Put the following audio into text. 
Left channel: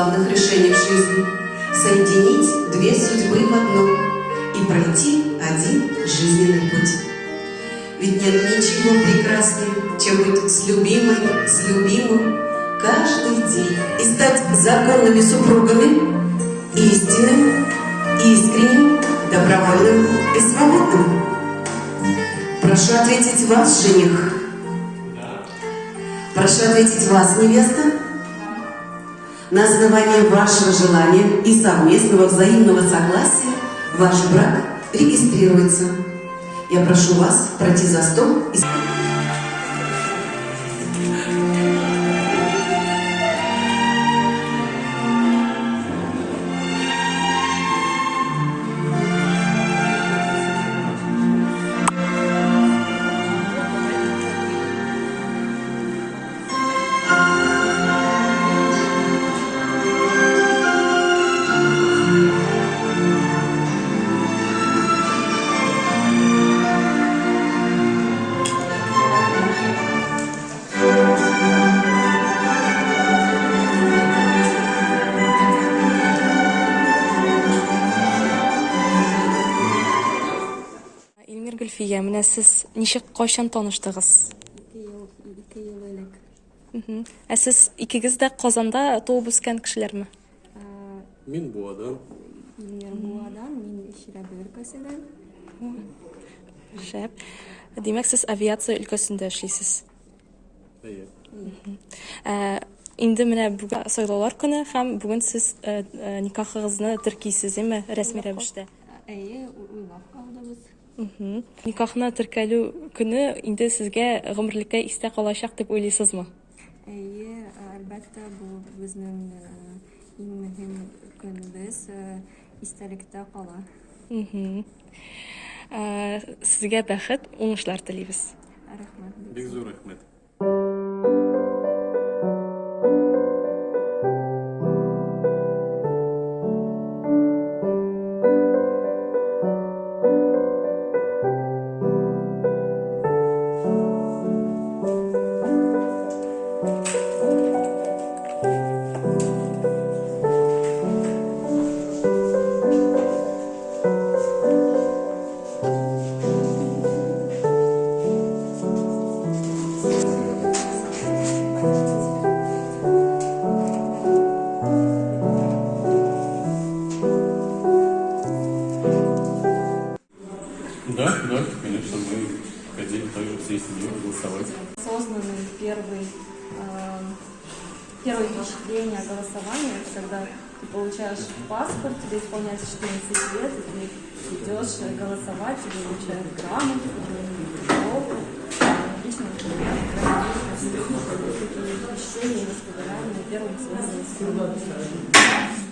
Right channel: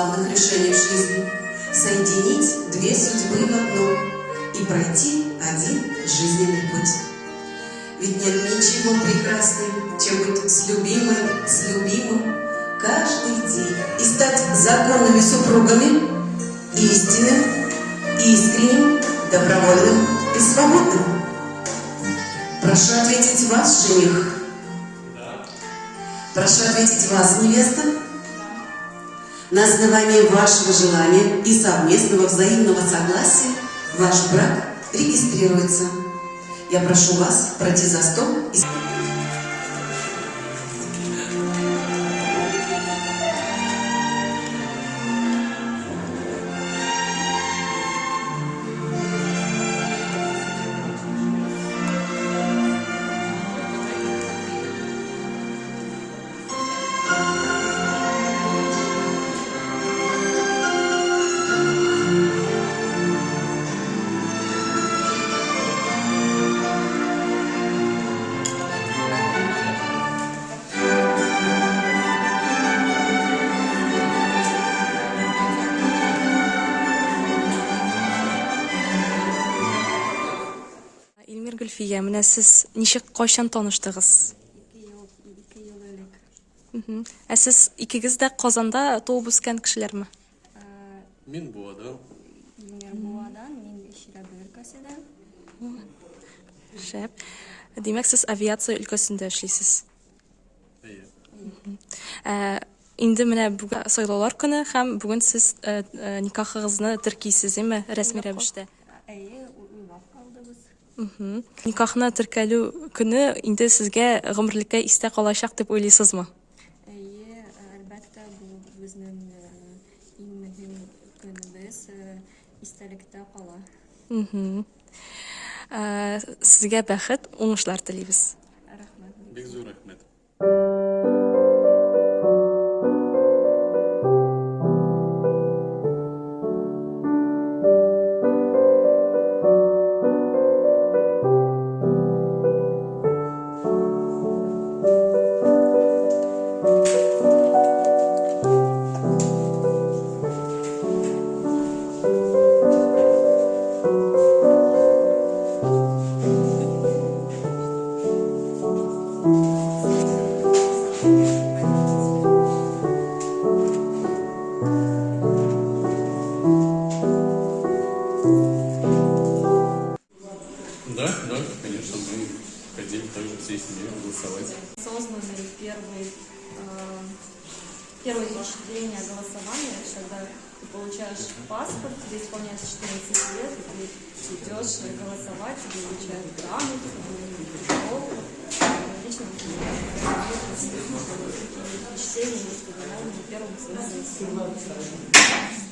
главных решений в жизни – соединить две судьбы в одну и пройти один жизненный путь. Ведь нет ничего прекраснее, чем быть с любимой, с любимым каждый день и стать законными супругами, истинным, искренним, добровольным и свободным. Прошу ответить вас, жених. Прошу ответить вас, невеста. На основании вашего желания и совместного взаимного согласия ваш брак регистрируется. Я прошу вас пройти за стол и... Гүлфия, менә сез ничек кайчан таныштыгыз? 2 ел элек. Ә сез икегез дә Казанда туып үскән кешеләрме? Мин Буадан. Мин Буадан, мин Ширәбе өлкәсеннән. Шәп. Димәк, сез авиация өлкәсендә эшлисез. Инде менә бүген сайлаулар көне һәм бүген сез никахыгызны теркисез, әйме, рәсми рәвештә. Әйе, уйлап калдыбыз. Никахны теркәлү көне инде сезгә гомерлеккә истә калачак дип уйлыйсызмы? Әйе, әлбәттә, бу безнең иң мөһим көнебез, истәлектә кала. Сезгә бәхет, уңышлар телибез. Рәхмәт. Бик зур рәхмәт. Да, конечно, мы ходили также всей семьей голосовать. Созданы первое впечатление голосования, это когда ты получаешь паспорт, тебе исполняется 14 лет, и ты идешь голосовать, тебе вручают грамоту, диплом. Лично я такие впечатления и воспоминания на первом своем голосовании.